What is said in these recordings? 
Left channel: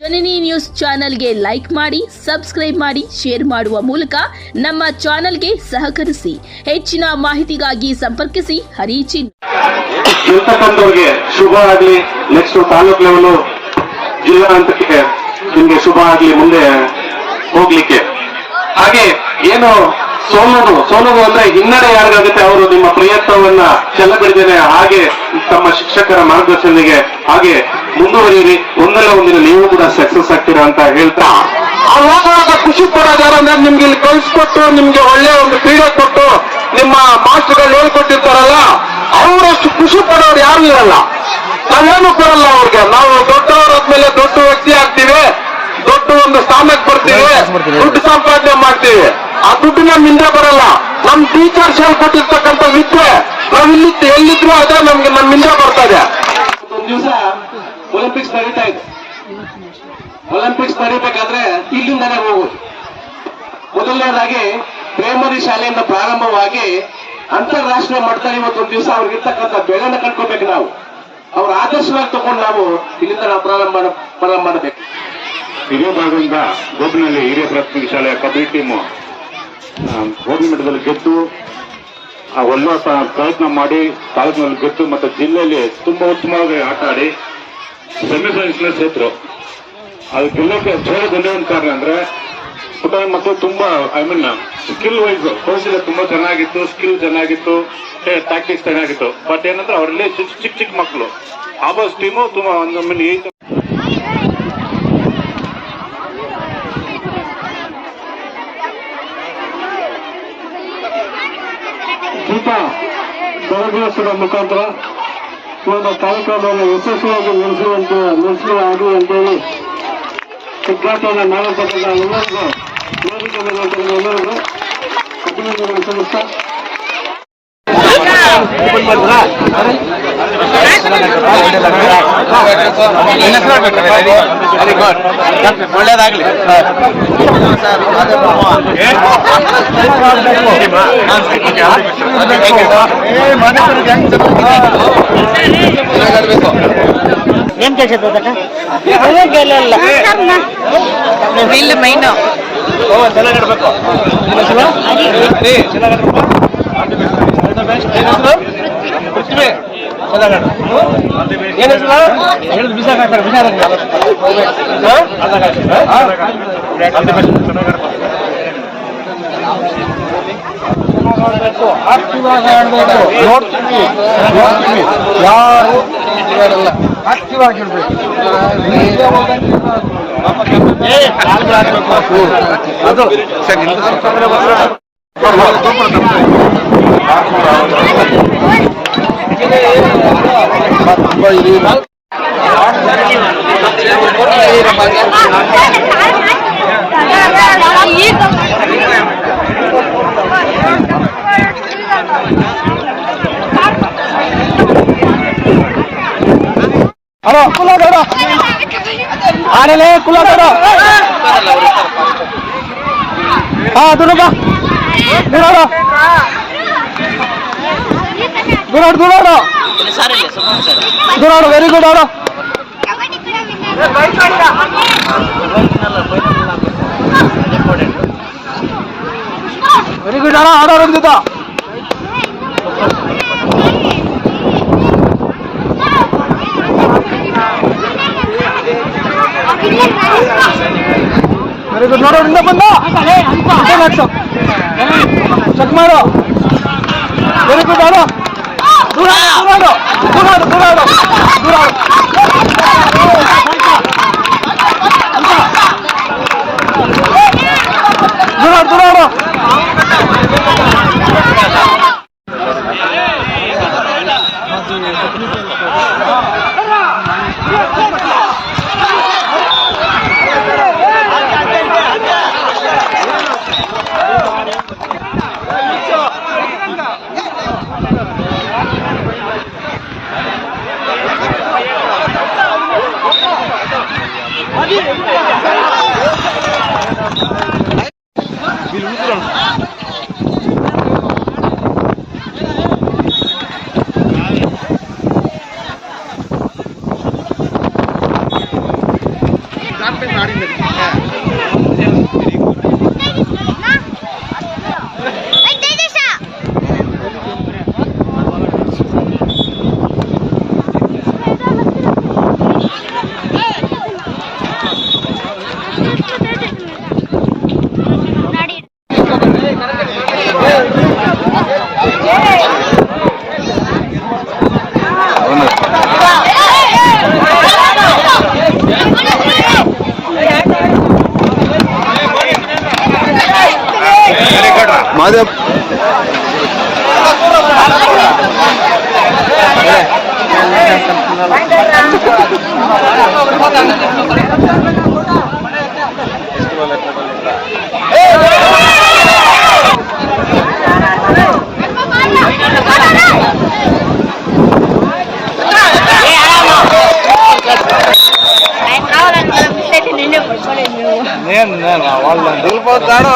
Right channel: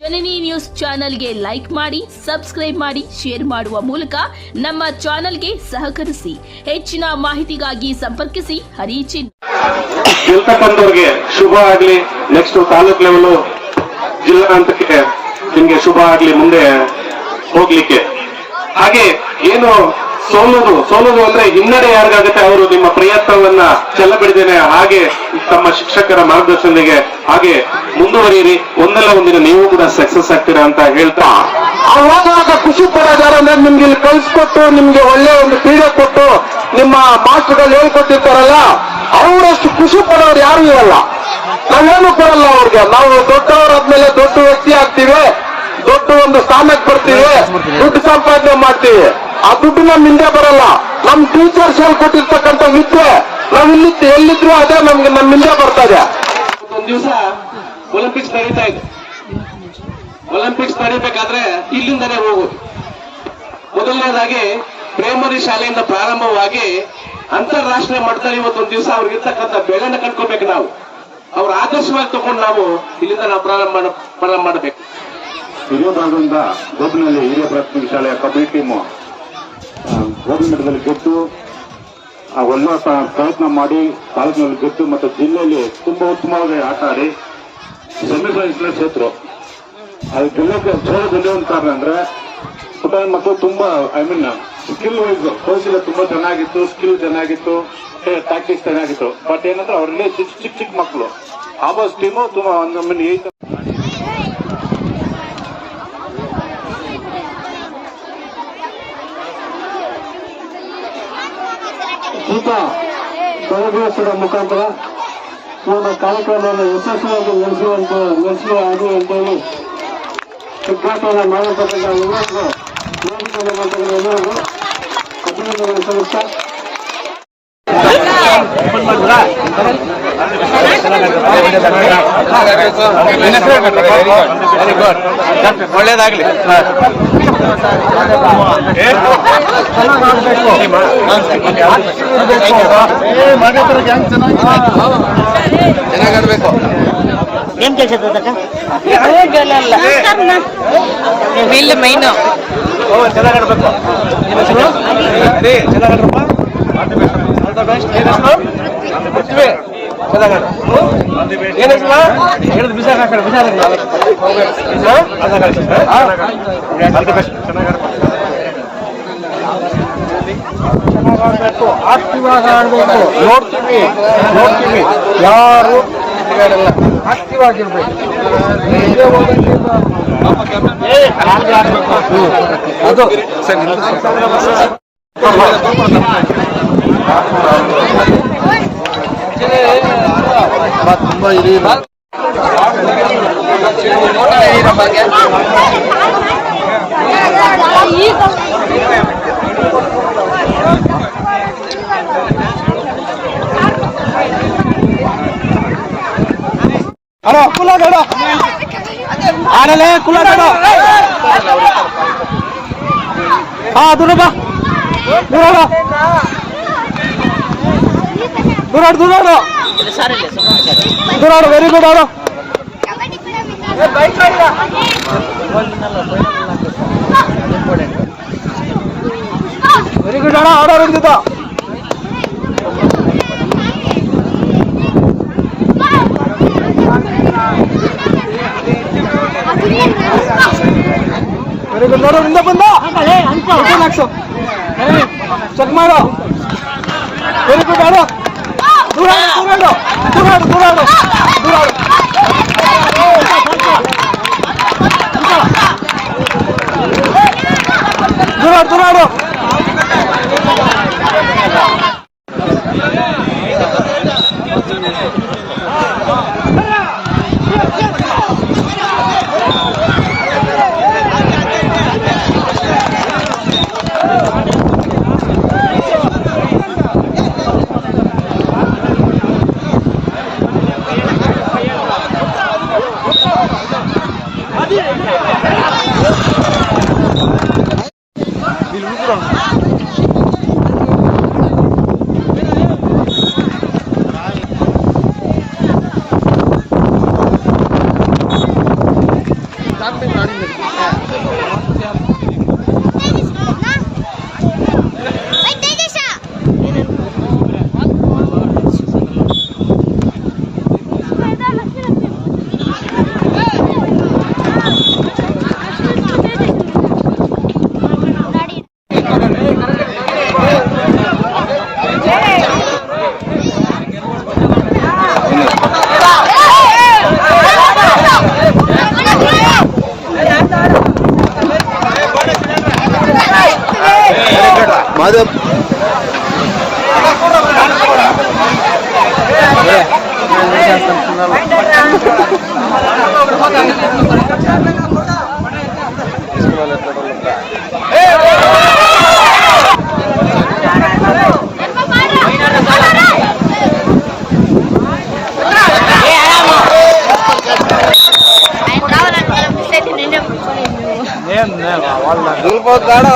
ಜನನಿ news ಚಾನೆಲ್ಗೆ like ಮಾಡಿ, subscribe ಮಾಡಿ, ಶೇರ್ ಮಾಡುವ ಮೂಲಕ ನಮ್ಮ ಚಾನೆಲ್ಗೆ ಸಹಕರಿಸಿ. ಹೆಚ್ಚಿನ ಮಾಹಿತಿಗಾಗಿ ಸಂಪರ್ಕಿಸಿ ಹರಿಚಿನ್. ಗೆಲ್ತಕ್ಕಂಥವ್ರಿಗೆ ಶುಭ ಆಗ್ಲಿ. ನೆಕ್ಸ್ಟ್ ತಾಲೂಕ್ ಲೆವೆಲ್ ಜಿಲ್ಲಾ ಹಂತಕ್ಕೆ ನಿಮ್ಗೆ ಶುಭ ಆಗ್ಲಿ ಮುಂದೆ ಹೋಗ್ಲಿಕ್ಕೆ. ಹಾಗೆ ಏನು ಸೋಲುವುದು ಅಂದ್ರೆ ಹಿನ್ನಡೆ ಯಾರಿಗಾಗುತ್ತೆ ಅವರು ನಿಮ್ಮ ಪ್ರಯತ್ನವನ್ನ ಚೆಲ್ಲಬಿಡಿದೇನೆ ಹಾಗೆ ತಮ್ಮ ಶಿಕ್ಷಕರ ಮಾರ್ಗದರ್ಶನಿಗೆ ಹಾಗೆ ಮುಂದುವರಿಯಿರಿ. ಒಂದಲ್ಲ ಒಂದಿನ ನೀವು ಕೂಡ ಸಕ್ಸಸ್ ಆಗ್ತೀರಾ ಅಂತ ಹೇಳ್ತಾ ಅವಾಗ ಖುಷಿ ಪಡೋದಾರ ಅಂದ್ರೆ ನಿಮ್ಗೆ ಇಲ್ಲಿ ಕಳಿಸ್ಕೊಟ್ಟು ನಿಮ್ಗೆ ಒಳ್ಳೆ ಒಂದು ಕ್ರೀಡೆ ಕೊಟ್ಟು ನಿಮ್ಮ ಮಾಸ್ಟರ್ಗಳು ಹೇಳ್ಕೊಟ್ಟಿರ್ತಾರಲ್ಲ ಅವರಷ್ಟು ಖುಷಿ ಪಡೋರು ಯಾರು ಇರಲ್ಲ. ನಾವೇನು ಕೊಡಲ್ಲ ಅವ್ರಿಗೆ. ನಾವು ದೊಡ್ಡವರಾದ್ಮೇಲೆ ದೊಡ್ಡ ವ್ಯಕ್ತಿ ಆಗ್ತೀವಿ, ದೊಡ್ಡ ಒಂದು ಸ್ಥಾನಕ್ಕೆ ಬರ್ತೀವಿ, ದುಡ್ಡು ಸಂಪಾದನೆ ಮಾಡ್ತೀವಿ. ಆ ದುಡ್ಡು ನಮ್ಮಿಂದ ಬರಲ್ಲ. ನಮ್ ಟೀಚರ್ಸ್ ಹೇಳ್ಕೊಟ್ಟಿರ್ತಕ್ಕಂಥ ವಿದ್ಯೆ ನಾವ್ ಎಲ್ಲಿದ್ರು ಅದೇ ನಮ್ಗೆ ನಮ್ಮಿಂದ ಬರ್ತದೆ. ಒಂದ್ ದಿವಸ ಒಲಿಂಪಿಕ್ಸ್ ನಡೀತಾ ಇದೆ. ಒಲಿಂಪಿಕ್ಸ್ ನಡೀಬೇಕಾದ್ರೆ ಇಲ್ಲಿಂದಲೇ ಹೋಗುದು. ಮೊದಲನೇದಾಗಿ ಪ್ರೈಮರಿ ಶಾಲೆಯಿಂದ ಪ್ರಾರಂಭವಾಗಿ ಅಂತಾರಾಷ್ಟ್ರೀಯ ಮಟ್ಟದಲ್ಲಿ ಇವತ್ತೊಂದು ದಿವಸ ಅವ್ರಿಗಿರ್ತಕ್ಕಂಥ ಬೆಳೆಯನ್ನು ಕಂಡ್ಕೋಬೇಕು. ನಾವು ಅವ್ರ ಆದರ್ಶವಾಗಿ ತಗೊಂಡು ನಾವು ಇಲ್ಲಿಂದ ನಾವು ಪ್ರಾರಂಭ ಮಾಡಬೇಕು. ಹಿರಿಯ ಭಾಗದಿಂದ ಗೋಬಿನಲ್ಲಿ ಹಿರಿಯ ಪ್ರಾಥಮಿಕ ಶಾಲೆಯ ಕಬಡ್ಡಿ ಟೀಮು ಗೋಬಿ ಮಟ್ಟದಲ್ಲಿ ಗೆದ್ದು ಒಳ್ಳೆ ಪ್ರಯತ್ನ ಮಾಡಿ ತಾಲೂಕಿನಲ್ಲಿ ಗೆದ್ದು ಮತ್ತೆ ಜಿಲ್ಲೆಯಲ್ಲಿ ತುಂಬಾ ಉತ್ತಮವಾಗಿ ಆಟ ಆಡಿ ಸೆಮಿಫೈನಲ್ಸ್ ಸೋತರು. ಅದು ಗೆಲ್ಲಕ್ಕೆ ಸೋಲು ಬಂದಿರೋ ಕಾರಣ ಅಂದ್ರೆ ಪುಟಾಣಿ ಮಕ್ಕಳು ತುಂಬಾ ಸ್ಕಿಲ್ ವೈಸ್ ಕೌಶಲ್ಯ ತುಂಬಾ ಚೆನ್ನಾಗಿತ್ತು, ಸ್ಕಿಲ್ ಚೆನ್ನಾಗಿತ್ತು, ಟ್ಯಾಕ್ಟಿಕ್ಸ್ ಚೆನ್ನಾಗಿತ್ತು. ಬಟ್ ಏನಂದ್ರೆ ಅವರಲ್ಲಿ ಚಿಕ್ಕ ಮಕ್ಕಳು ಆಬಾಸ್ ಟೀಮು ತುಂಬಾ ಒಂದು ಶೀತ ಬೆಳಗುವ ಮುಖಾಂತರ ನಮ್ಮ ಕಾರ್ಯಕ್ರಮವನ್ನು ಯಶಸ್ವಿಯಾಗಿ ನಡೆಸಲಿ ಆಗಲಿ ಅಂತೇಳಿ ಉದ್ಘಾಟನೆ ಮಾಡಲ್ಪಟ್ಟಂತ ಎಲ್ಲರಿಗೂ ವೇದಿಕೆ ಮೇಲೆ ಎಲ್ಲರಿಗೂ ಅಭಿನಂದನೆ ಸಲ್ಲಿಸ್ತಾ ಒಳ್ಳೇದಾಗ್ಲಿ. ಚೆನ್ನಾಗಾಡ್ಬೇಕು. ಏನ್ ಕೆಲಸ ಇಲ್ಲ ಮೈನು ಚೆನ್ನಾಗಾಡ್ಬೇಕು. ಚೆನ್ನಾಗಾಡ್ರಪ್ಪ. ಪೃಥ್ವಿ ಚೆನ್ನಾಗಾಡು. ಏನ್ ಹೆಸರು ಹೇಳಿದ್ ಬಿಸಾಕ ಚೆನ್ನಾಗಾಡ್ಬೇಕು. ಆಕ್ಟಿವ್ ಆಗಿ ಆಡ್ಬೇಕು. ನೋಡ್ತೀವಿ ಯಾರು ಆಡಲ್ಲ. ಆಕ್ಟಿವ್ ಆಗಿರ್ಬೇಕು. ಅದು ತುಂಬಾ ಅಣ್ಣ ಕುಲಾಗಡ ಆನಲೇ ಕುಲಾಗಡ ಹಾ ದುನಬ ದುನಾಡ ದುನಾಡ ದುನಾಡ ದುನಾಡ ವೆರಿ ಗುಡ್ ಆಡ ವೆರಿ ಗುಡ್ ಆಡ ಆಡ ಹಿಡಿದ ವೆರಿ ಗುಡ್. ನೋಡಿ ಇಂದ ಬಂದ ಚೆಕ್ ಮಾಡು. ವೆರಿ ಗುಡ್ ಆಡ ದುನಾಡ ದುನಾಡ ದುನಾಡ ದುನಾಡ ದುನಾಡ ದುನಾಡ వాళ్ళ నిలిపోతాడు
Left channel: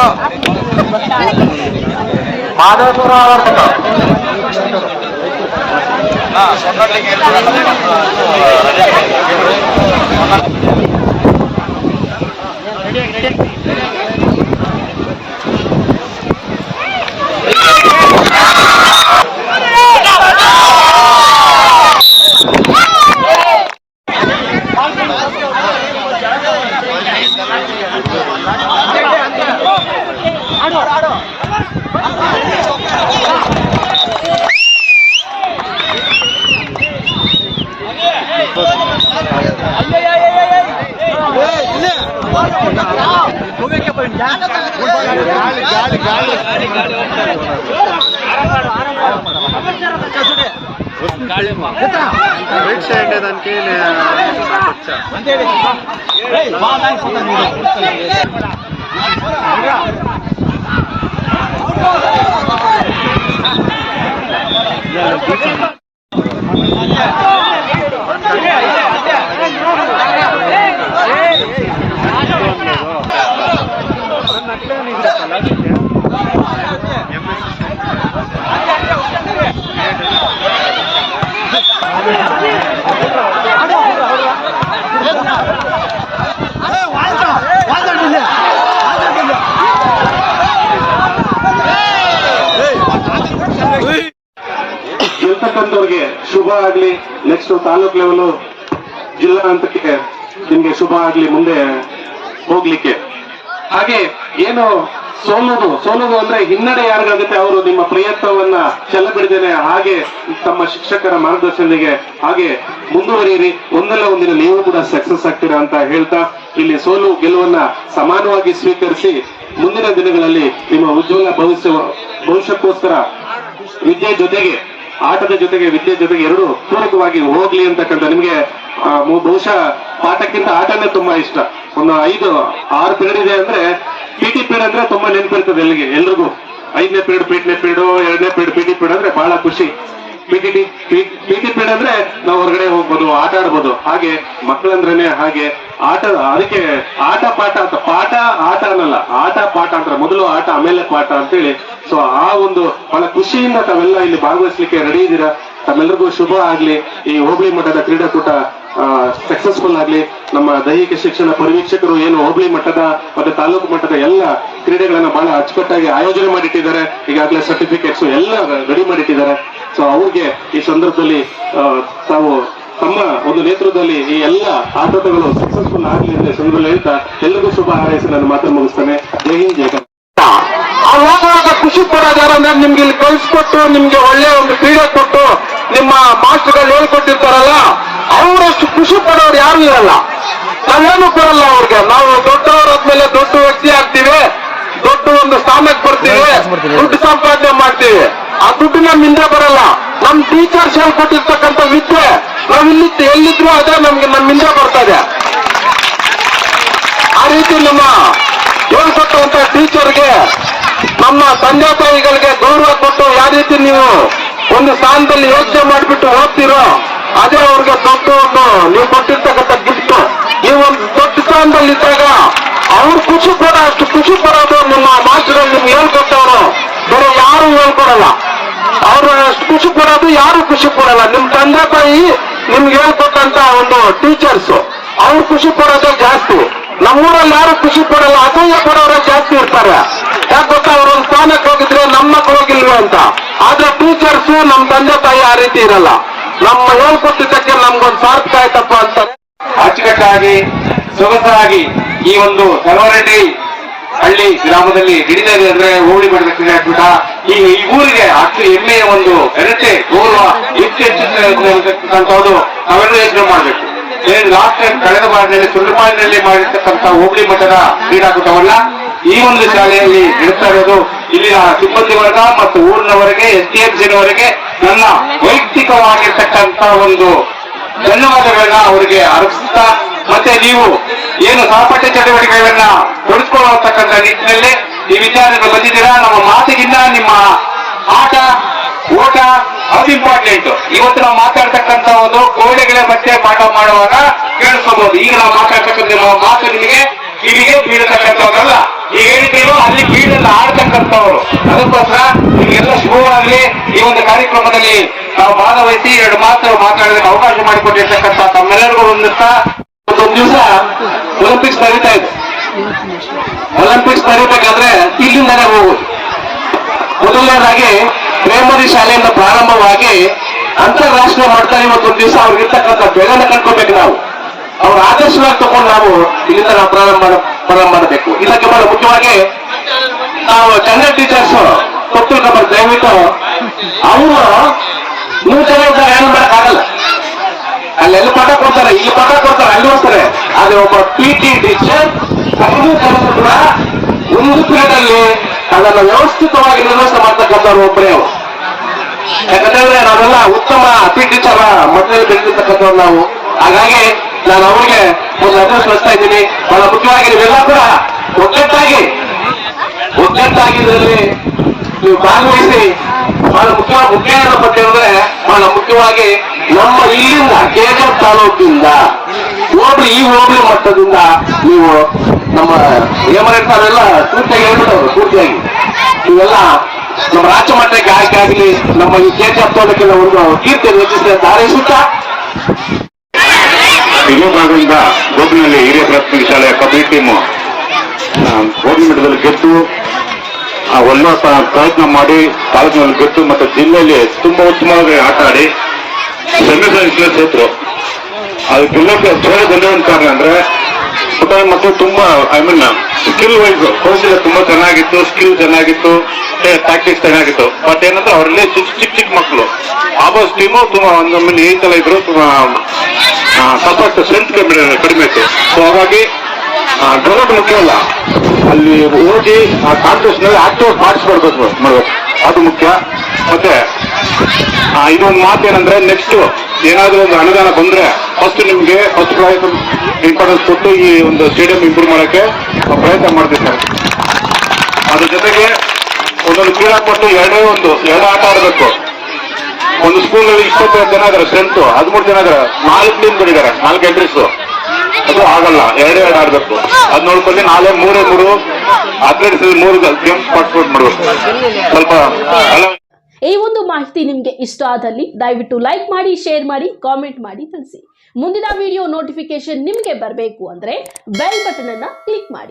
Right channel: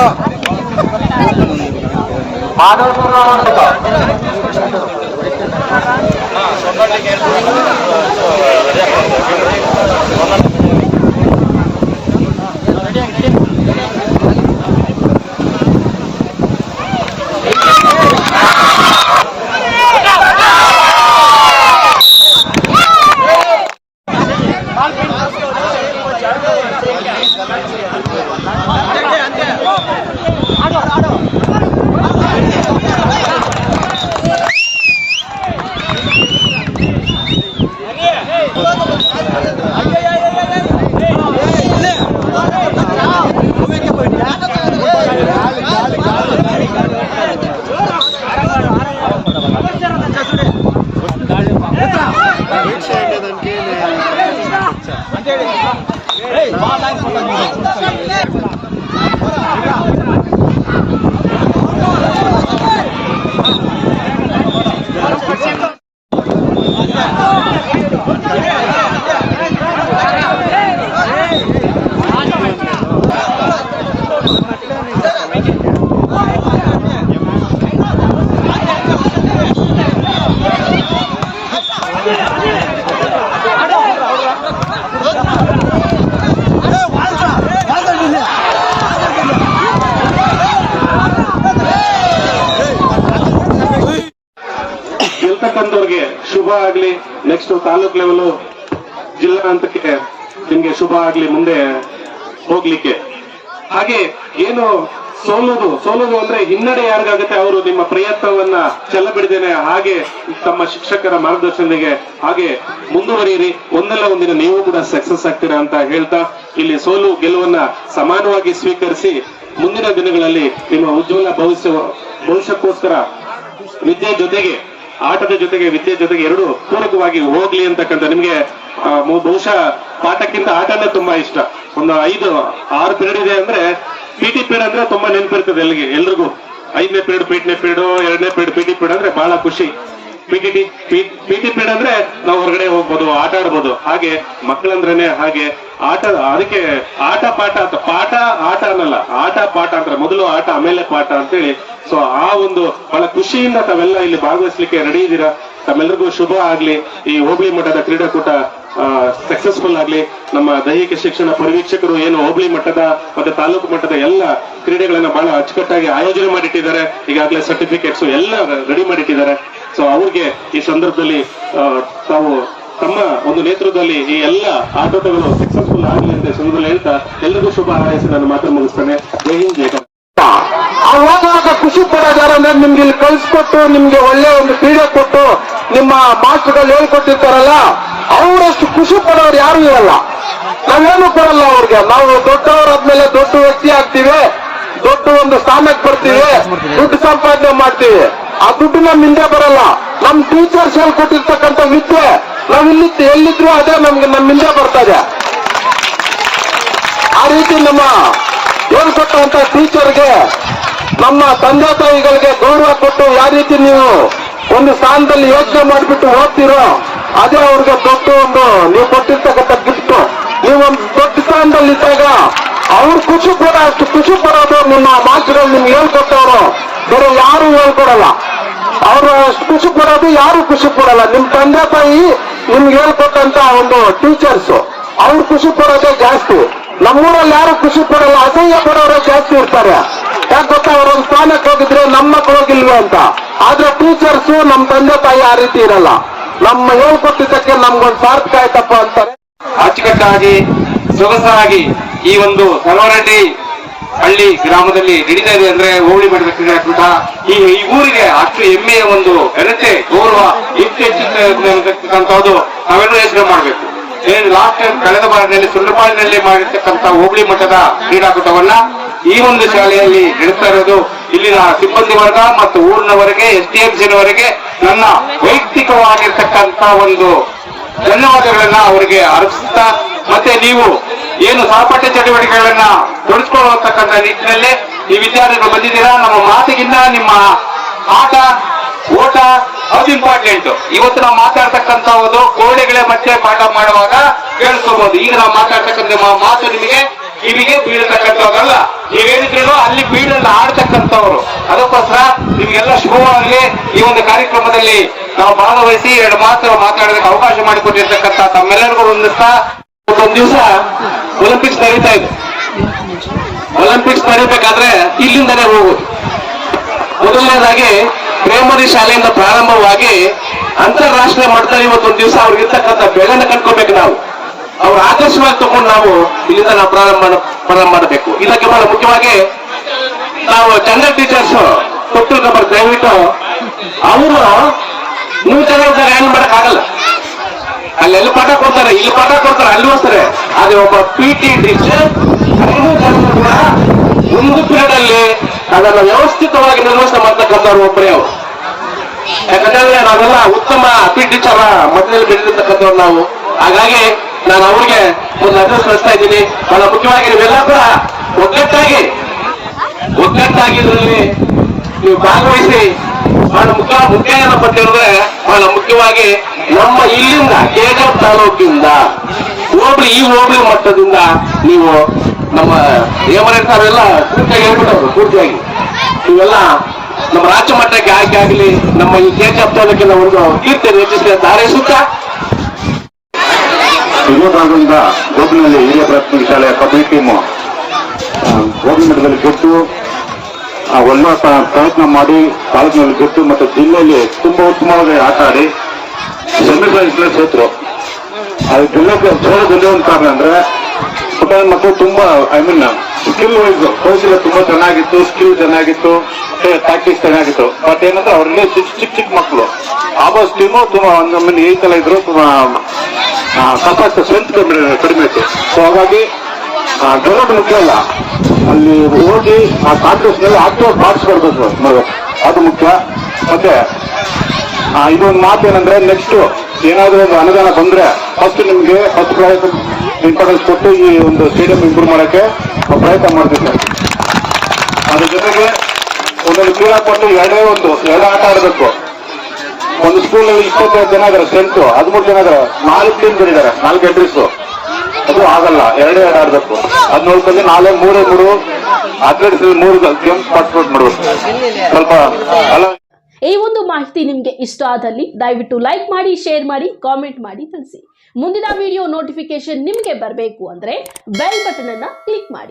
ಗೆಲ್ತಕ್ಕಂಥವ್ರಿಗೆ ಶುಭ ಆಗ್ಲಿ. ನೆಕ್ಸ್ಟ್ ತಾಲೂಕ್ ಲೆವೆಲ್ ಜಿಲ್ಲಾ ಹಂತಕ್ಕೆ ನಿಮ್ಗೆ ಶುಭ ಆಗ್ಲಿ ಮುಂದೆ ಹೋಗ್ಲಿಕ್ಕೆ. ಹಾಗೆ ಏನು ಸೋಲುದು ಅಂದ್ರೆ ಹಿನ್ನಡೆ ಯಾರಿಗಾಗುತ್ತೆ ಅವರು ನಿಮ್ಮ ಪ್ರಯತ್ನವನ್ನ ಛಲ ಬಿಡದೇನೆ ಹಾಗೆ ತಮ್ಮ ಶಿಕ್ಷಕರ ಮಾರ್ಗದರ್ಶನಕ್ಕೆ ಹಾಗೆ ಮುಂದುವರಿಯಿರಿ. ಒಂದಲ್ಲ ಒಂದಿನ ನೀವು ಕೂಡ ಸಕ್ಸಸ್ ಆಗ್ತೀರಾ ಅಂತ ಹೇಳ್ತಾ ಇಲ್ಲಿ ಸೋಲು ಗೆಲುವನ್ನ ಸಮಾನವಾಗಿ ಸ್ವೀಕರಿಸಿ ಮುಂದಿನ ದಿನಗಳಲ್ಲಿ ನಿಮ್ಮ ಉಜ್ವಲ ಭವಿಷ್ಯಕ್ಕೋಸ್ಕರ ವಿದ್ಯೆ ಜೊತೆಗೆ ಆಟದ ಜೊತೆಗೆ ವಿದ್ಯೆ ಜೊತೆಗೆ ಎರಡು ಪೂರಕವಾಗಿ ಹೋಗ್ಲಿ ಅಂತಕ್ಕಂಥ ನಿಮ್ಗೆ ಬಹುಶಃ ಪಾಠಕ್ಕಿಂತ ಆಟನೇ ತುಂಬಾ ಇಷ್ಟ. ಒಂದು 5-6 ಪೀರಿಯಡ್ ಇದೆ ಅಂದ್ರೆ ಪಿಟಿ ಪೀರಿಯಡ್ ಅಂದ್ರೆ ತುಂಬಾ ನೆನಪಿರ್ತದೆ ಎಲ್ರಿಗೂ. 5ನೇ ಪೀರಿಯಡ್ ಪಿಟಿ ಪೀರಿಯಡ್, 2ನೇ ಪೀರಿಯಡ್ ಪಿಟಿ ಪೀರಿಯಡ್ ಅಂದ್ರೆ ಬಹಳ ಖುಷಿ. ಪಿಟಿ ಪೀರಿಯಡ್ ಅಂದ್ರೆ ನಾವು ಹೊರಗಡೆ ಹೋಗ್ಬೋದು, ಆಟ ಆಡ್ಬೋದು. ಹಾಗೆ ಮಕ್ಕಳಂದ್ರೇನೆ ಹಾಗೆ ಅದಕ್ಕೆ ಆಟ ಪಾಠ ಅಂತ, ಪಾಠ ಆಟ ಅನ್ನಲ್ಲ, ಆಟ ಪಾಠ ಅಂತಾರೆ. ಮೊದಲು ಆಟ ಆಮೇಲೆ ಪಾಠ ಅಂತೇಳಿ. ಸೊ ಆ ಒಂದು ಬಹಳ ಖುಷಿಯಿಂದ ತಾವೆಲ್ಲ ಇಲ್ಲಿ ಭಾಗವಹಿಸ್ಲಿಕ್ಕೆ ರೆಡಿ ಇದ್ದೀರಾ. ತಮ್ಮೆಲ್ಲರಿಗೂ ಶುಭ ಆಗ್ಲಿ. ಈ ಹೋಬಳಿ ಮಟ್ಟದ ಕ್ರೀಡಾಕೂಟ ಸಕ್ಸಸ್ಫುಲ್ ಆಗ್ಲಿ. ನಮ್ಮ ದೈಹಿಕ ಶಿಕ್ಷಣ ಪರಿವೀಕ್ಷಕರು ಏನು ಹೋಬಳಿ ಮಟ್ಟದ ಮತ್ತೆ ತಾಲೂಕು ಮಟ್ಟದ ಎಲ್ಲ ಕ್ರೀಡೆಗಳನ್ನ ಬಹಳ ಅಚ್ಚುಕಟ್ಟಾಗಿ ಆಯೋಜನೆ ಮಾಡಿಟ್ಟಿದ್ದಾರೆ. ಈಗಾಗಲೇ ಸರ್ಟಿಫಿಕೇಟ್ಸ್ ಎಲ್ಲ ರೆಡಿ ಮಾಡಿಟ್ಟಿದ್ದಾರೆ. ಸೊ ಅವ್ರಿಗೆ ಈ ಸಂದರ್ಭದಲ್ಲಿ ತಾವು ತಮ್ಮ ಒಂದು ನೇತೃತ್ವದಲ್ಲಿ ಈ ಎಲ್ಲ ಆಟೋಟಗಳು ಸಕ್ಸಸ್ಫುಲ್ ಆಗಲಿ ಅಂತ ಸಂದರ್ಭದಲ್ಲಿ ಹೇಳ್ತಾ ಎಲ್ರಿಗೂ ಶುಭ ಹಾರೈಸಿ ನಾನು ಮಾತ್ರ ಮುಗಿಸ್ತೇನೆ. ಜೈ ಹಿಂದ್, ಜೈ ಕರ್ನಾಟಕ. ಅವಾಗ ಖುಷಿ ಪಡೋದು ಯಾರಂದ್ರೆ ನಿಮ್ಗೆ ಇಲ್ಲಿ ಕಳಿಸ್ಕೊಟ್ಟು ನಿಮ್ಗೆ ಒಳ್ಳೆ ಒಂದು ಕ್ರೀಡೆ ಕೊಟ್ಟು ನಿಮ್ಮ ಮಾಸ್ಟರ್ಗಳು ಹೇಳ್ಕೊಟ್ಟಿರ್ತಾರಲ್ಲ, ಅವರಷ್ಟು ಖುಷಿ ಪಡೋರು ಯಾರು ಇರಲ್ಲ. ನಾವೇನು ಕೊಡಲ್ಲ ಅವ್ರಿಗೆ. ನಾವು ದೊಡ್ಡವರಾದ್ಮೇಲೆ ದೊಡ್ಡ ವ್ಯಕ್ತಿ ಆಗ್ತೀವಿ, ದೊಡ್ಡ ಒಂದು ಸ್ಥಾನಕ್ಕೆ ಬರ್ತೀವಿ, ದುಡ್ಡು ಸಂಪಾದನೆ ಮಾಡ್ತೀವಿ. ಆ ದುಡ್ಡು ನಮ್ಮಿಂದ ಬರಲ್ಲ. ನಮ್ ಟೀಚರ್ಸ್ ಹೇಳ್ಕೊಟ್ಟಿರ್ತಕ್ಕಂಥ ವಿದ್ಯೆ ನಾವಿಲ್ಲಿ ಎಲ್ಲಿದ್ರು ಅದೇ ನಮ್ಗೆ ನಮ್ಮಿಂದ ಬರ್ತದೆ. ಆ ರೀತಿ ನಮ್ಮ ಹೇಳ್ಕೊಟ್ಟಂತ ಟೀಚರ್ಗೆ, ನಮ್ಮ ತಂದೆ ತಾಯಿಗಳಿಗೆ ಗೌರವ ಕೊಟ್ಟು ಯಾವ ರೀತಿ ನೀವು ಒಂದು ಸ್ಥಾನದಲ್ಲಿ ಯೋಚನೆ ಮಾಡಿಬಿಟ್ಟು ಓದ್ತಿರೋ ಅದೇ ಅವ್ರಿಗೆ ದೊಡ್ಡ ಒಂದು ನೀವು ಕೊಟ್ಟಿರ್ತಕ್ಕಂಥ ಗಿಫ್ಟ್. ನೀವು ಒಂದು ದೊಡ್ಡ ಸ್ಥಾನದಲ್ಲಿ ಇದ್ದಾಗ ಅವ್ರು ಖುಷಿ ಪಡೋ ಅಷ್ಟು ಖುಷಿ ಪಡೋದು ನಿಮ್ಮ ಮಾಸ್ಟರ್ಗಳು ನಿಮ್ಗೆ ಹೇಳ್ಕೊಟ್ಟವರು ಬೇರೆ ಯಾರು ಹೇಳ್ಕೊಡಲ್ಲ. ಅವ್ರು ಅಷ್ಟು ಖುಷಿ ಪಡೋದು ಯಾರು ಖುಷಿ ಪಡಲ್ಲ. ನಿಮ್ ತಂದೆ ತಾಯಿ ನಿಮ್ಗೆ ಹೇಳ್ಕೊಟ್ಟಂತ ಒಂದು ಟೀಚರ್ಸ್ ಅವ್ರು ಖುಷಿ ಪಡೋದೇ ಜಾಸ್ತಿ. ನಮ್ಮೂರಲ್ಲಿ ಯಾರು ಖುಷಿ ಪಡಲ್ಲ, ಅಸಹ್ಯ ಪಡೋರೇ ಜಾಸ್ತಿ ಇರ್ತಾರೆ. ಯಾಕೆ ಗೊತ್ತಾ, ಅವರೊಂದು ಸ್ಥಾನಕ್ಕೆ ಹೋಗಿದ್ರೆ ನಮ್ಮ ಮಕ್ಕಳು ಹೋಗಿಲ್ವೇ ಅಂತ. ಆದ್ರೆ ಟೀಚರ್ಸ್ ನಮ್ ತಂದೆ ತಾಯಿ ಆ ರೀತಿ ಇರಲ್ಲ. ನಮ್ಮ ಹೇಳ್ಕೊಟ್ಟಿದ್ದಕ್ಕೆ ನಮ್ಗೊಂದು ಸಾರ್ಥಕ ಆಯ್ತಪ್ಪ ಅಂತಾರೆ. ಅಚ್ಚುಕಟ್ಟಾಗಿ ಸೊಗಸಾಗಿ ಈ ಒಂದು ಸಲವರಡ್ಡಿ ಹಳ್ಳಿ ಗ್ರಾಮದಲ್ಲಿ ನಡೀತಾ ಇದೆ ಅಂದ್ರೆ ಹೋಬಳಿ ಮಟ್ಟದ ಕ್ರೀಡಾಕೂಟ ಈ ಊರಿಗೆ ಅಷ್ಟು ಹೆಮ್ಮೆಯ ಒಂದು ಘನತೆ ಗೌರವ ಹೆಚ್ಚೆಚ್ಚಿರ್ತಕ್ಕಂಥದ್ದು ನಾವೆಲ್ಲ ಯೋಚನೆ ಮಾಡಬೇಕು. ಲಾಸ್ಟ್ ಟೈಮ್ ಕಳೆದ ವಾರದಲ್ಲಿ ಸುಂದರಪಾಳ್ಯದಲ್ಲಿ ಮಾಡಿರ್ತಕ್ಕಂಥ ಹೋಬಳಿ ಮಟ್ಟದ ಕ್ರೀಡಾಕೂಟವನ್ನ ಈ ಒಂದು ಶಾಲೆಯಲ್ಲಿ ನಡೆಸ್ತಾ ಇರೋದು ಇಲ್ಲಿನ ಸಿಬ್ಬಂದಿ ವರ್ಗ ಮತ್ತು ಊರಿನವರೆಗೆ STMCವರೆಗೆ ನನ್ನ ವೈಯಕ್ತಿಕವಾಗಿರ್ತಕ್ಕಂಥ ಒಂದು ಧನ್ಯವಾದಗಳನ್ನ ಅವರಿಗೆ ಅರ್ಪಿಸ್ತಾ, ಮತ್ತೆ ನೀವು ಏನು ಸಹಪಾಠ್ಯ ಚಟುವಟಿಕೆಗಳನ್ನ ಕೊಡಿಸ್ಕೊಳ್ಳತಕ್ಕಂಥ ನಿಟ್ಟಿನಲ್ಲಿ ಈ ವಿಚಾರಗಳು ಬಂದಿದ್ದೀರಾ. ನಮ್ಮ ಮಾತಿಗಿಂತ ನಿಮ್ಮ ಆಟ ಓಟ ಅದು ಇಂಪಾರ್ಟೆಂಟ್. ಇವತ್ತು ನಾವು ಮಾತಾಡ್ತಕ್ಕಂಥ ಒಂದು ಕೋಡೆಗಳೇ ಮತ್ತೆ ಪಾಠ ಮಾಡುವಾಗ ಕೇಳಿಸ್ಕೋಬಹುದು. ಈಗ ನಾವು ಮಾತಾಡ್ತಕ್ಕಂಥ ಮಾತು ನಿಮಗೆ ಬೀಳತಕ್ಕಂಥವ್ರಲ್ಲ, ಈಗ ಹೇಳಿದ್ರು ಅಲ್ಲಿ ಬೀಳನ್ನು ಆಡ್ತಕ್ಕಂಥವ್ರು. ಅದಕ್ಕೋಸ್ಕರ ನಿಮ್ಗೆಲ್ಲ ಶುಭವಾಗಲಿ. ಈ ಒಂದು ಕಾರ್ಯಕ್ರಮದಲ್ಲಿ ನಾವು ಭಾಗವಹಿಸಿ 2 ಮಾತು ಮಾತಾಡೋದಕ್ಕೆ ಅವಕಾಶ ಮಾಡಿಕೊಟ್ಟಿರ್ತಕ್ಕಂಥ ತಮ್ಮೆಲ್ಲರಿಗೂ ವಂದಿಸ್ತಾ, ಒಂದು ದಿವಸ ಒಲಿಂಪಿಕ್ಸ್ ನಡೀತಾ ಇದೆ. ಒಲಿಂಪಿಕ್ಸ್ ನಡೀಬೇಕಾದ್ರೆ ಇಲ್ಲಿಂದಲೇ ಹೋಗುದು. ಮೊದಲನೇದಾಗಿ ಪ್ರೈಮರಿ ಶಾಲೆಯಿಂದ ಪ್ರಾರಂಭವಾಗಿ ಅಂತಾರಾಷ್ಟ್ರೀಯ ಮಟ್ಟದಲ್ಲಿ ಇವತ್ತೊಂದು ದಿವಸ ಅವ್ರಿಗಿರ್ತಕ್ಕಂಥ ಬೆಳೆನ ಕಂಡ್ಕೋಬೇಕು. ನಾವು ಅವ್ರ ಆದರ್ಶವಾಗಿ ತಗೊಂಡು ನಾವು ಇಲ್ಲಿಂದ ನಾವು ಪ್ರಾರಂಭ ಮಾಡಬೇಕು. ಇದಕ್ಕೆ ಬಹಳ ಮುಖ್ಯವಾಗಿ ನಾವು ಕನ್ನಡ ಟೀಚರ್ಸ್ ಕೊಟ್ಟಿರ್ತಾರೆ. ದಯವಿಟ್ಟು ಅವರು 3 ಜನ ಇರ್ತಾರೆ, ಏನು ಮಾಡಕ್ಕಾಗಲ್ಲ. ಅಲ್ಲೆಲ್ಲಿ ಪಾಠ ಕೊಡ್ತಾರೆ, ಇಲ್ಲಿ ಪಾಠ ಕೊಡ್ತಾರೆ, ಅಲ್ಲಿ ಹೋಗ್ತಾರೆ. ಆದ್ರೆ ಒಬ್ಬ PT ಟೀಚರ್ 5 ಜನ ಕೂಡ ಒಂದು ಪೀರಿಯಡ್ ಅಲ್ಲಿ ಅದನ್ನು ವ್ಯವಸ್ಥಿತವಾಗಿ ನಿರ್ವಹಣೆ ಮಾಡ್ತಕ್ಕಂಥವ್ರು ಒಬ್ಬರೇ ಅವರು. ಯಾಕಂದ್ರೆ ನಾವೆಲ್ಲ ಉತ್ತಮ ಟೀಚರ್ ಮಕ್ಕಳಲ್ಲಿ ಬೆಳೆದಿರ್ತಕ್ಕಂಥವ್ರು ನಾವು. ಹಾಗಾಗಿ ನಾನು ಅವರಿಗೆ ಒಂದು ಅಡ್ರೆಸ್ ಕಳಿಸ್ತಾ ಇದ್ದೀನಿ. ಬಹಳ ಮುಖ್ಯವಾಗಿ ನೀವೆಲ್ಲ ಕೂಡ ಒಗ್ಗಟ್ಟಾಗಿ ಇದರಲ್ಲಿ ನೀವು ಭಾಗವಹಿಸಿ. ಬಹಳ ಮುಖ್ಯ ಏನಪ್ಪ ಹೇಳಿದ್ರೆ, ಬಹಳ ಮುಖ್ಯವಾಗಿ ನಮ್ಮ ಇಲ್ಲಿಂದ ಕೇಗರ್ ತಾಲೂಕಿಂದ ಈ ಹೋಬಳಿ ಮಟ್ಟದಿಂದ ನೀವು ನಮ್ಮ ಏಮರೆಲ್ಲ ಪೂರ್ತಿಯಾಗಿ ಹೇಳ್ಬಿಟ್ಟವ್ರು. ಪೂರ್ತಿಯಾಗಿ ಇವೆಲ್ಲ ನಮ್ಮ ರಾಜ್ಯ ಮಟ್ಟಕ್ಕೆ ಆಯ್ಕೆ ಆಗಲಿ, ನಮ್ಮ ಈ ಕೇಗರ್ ತಾಲೂಕಿನ ಒಂದು ಕೀರ್ತಿ ಹೆಚ್ಚಿಸಿದ ಧಾರಿಸುತ್ತಾ ಶಿವಮೊಗ್ಗದಿಂದ ಗೋಬಿನಲ್ಲಿ ಹಿರಿಯ ಪ್ರಾಥಮಿಕ ಶಾಲೆಯ ಕಬಡ್ಡಿ ಟೀಮು ಹೋಬಳಿ ಮಟ್ಟದಲ್ಲಿ ಗೆದ್ದು ಒಳ್ಳೆಯ ಪ್ರಯತ್ನ ಮಾಡಿ ತಾಲೂಕಿನಲ್ಲಿ ಗೆದ್ದು ಮತ್ತು ಜಿಲ್ಲೆಯಲ್ಲಿ ತುಂಬಾ ಉತ್ತಮವಾಗಿ ಆಟ ಆಡಿ ಸೆಮಿಫೈನಲ್ ಸೋತರು. ಅದು ಗೆಲ್ಲಕ್ಕೆ ಸೋಲಕ್ಕೆ ಒಂದು ಕಾರಣ ಅಂದ್ರೆ ಪುಟಾಣಿ ಮಕ್ಕಳು ತುಂಬಾ ಸ್ಕಿಲ್ ವೈಸ್ ಕೌಶಲ್ಯ ತುಂಬಾ ಚೆನ್ನಾಗಿತ್ತು, ಸ್ಕಿಲ್ ಚೆನ್ನಾಗಿತ್ತು, ಟ್ಯಾಕ್ಟಿಕ್ಸ್ ಚೆನ್ನಾಗಿತ್ತು. ಬಟ್ ಏನಂದ್ರೆ ಅವರಲ್ಲಿ ಚಿಕ್ಕ ಮಕ್ಕಳು ಆಬೋಸ್ ಟೀಮು ತುಂಬಾ ಒಂದು ಈ ತರ ಇದ್ರು, ಸ್ವಲ್ಪ ಸ್ಟ್ರೆಂತ್ ಕಡಿಮೆ ಇತ್ತು. ಸೊ ಹಾಗಾಗಿ ಡೆವಲಪ್ ಮುಖ್ಯ ಅಲ್ಲ, ಅಲ್ಲಿ ಹೋಗಿ ಆ ಕಾಂಟೆಸ್ಟ್ ನಲ್ಲಿ ಆಕ್ಟಿವ್ ಪಾರ್ಟಿಸಿಪೇಟ್ ಅದು ಮುಖ್ಯ. ಮತ್ತೆ ಇನ್ನೊಂದು ಮಾತೇನಂದ್ರೆ, ನೆಕ್ಸ್ಟ್ ಏನಾದ್ರೂ ಒಂದು ಅನುದಾನ ಬಂದ್ರೆ ಫಸ್ಟ್ ನಿಮ್ಗೆ ಫಸ್ಟ್ ಇಂಪಾರ್ಟೆನ್ಸ್ ಕೊಟ್ಟು ಈ ಒಂದು ಸ್ಟೇಡಿಯಂ ಇಂಪ್ರೂವ್ ಮಾಡಕ್ಕೆ ಪ್ರಯತ್ನ ಮಾಡ್ತಿದ್ದಾರೆ. ಅದ್ರ ಜೊತೆಗೆ ಒಂದೊಂದು ಕ್ರೀಡಾಪಟು ಎರಡು ಆಟ ಆಡಬೇಕು. ಒಂದು ಸ್ಕೂಲಲ್ಲಿ 25 ಜನ ಇದಾರೆ ಸ್ಟ್ರೆಂತ್, 13 ಜನ ಇದಾರೆ, 4 ಟೀಮ್ಗಳಿದ್ದಾರೆ, 4 ಎಂಟ್ರೀಸ್. ಅದು ಆಗಲ್ಲ, 2 ಆಡ್ಬೇಕು. ಅದ್ ನೋಡ್ಕೊಂಡು 3 ಅಥ್ಲೆಟ್ಸ್ 3 ಗೇಮ್ಸ್ ಪಾರ್ಟಿಸಿಪೇಟ್ ಮಾಡ್ಬೇಕು. ಸ್ವಲ್ಪ ಅಲ್ಲ. ಈ ಒಂದು ಮಾಹಿತಿ ನಿಮಗೆ ಇಷ್ಟ ಆದಲ್ಲಿ ದಯವಿಟ್ಟು ಲೈಕ್ ಮಾಡಿ, ಶೇರ್ ಮಾಡಿ, ಕಾಮೆಂಟ್ ಮಾಡಿ ತಿಳಿಸಿ. ಮುಂದಿನ ವಿಡಿಯೋ ನೋಟಿಫಿಕೇಶನ್ ನಿಮಗೆ ಬರಬೇಕು ಅಂದ್ರೆ ಬೆಲ್ ಬಟನ್ ಅನ್ನ ಕ್ಲಿಕ್ ಮಾಡಿ.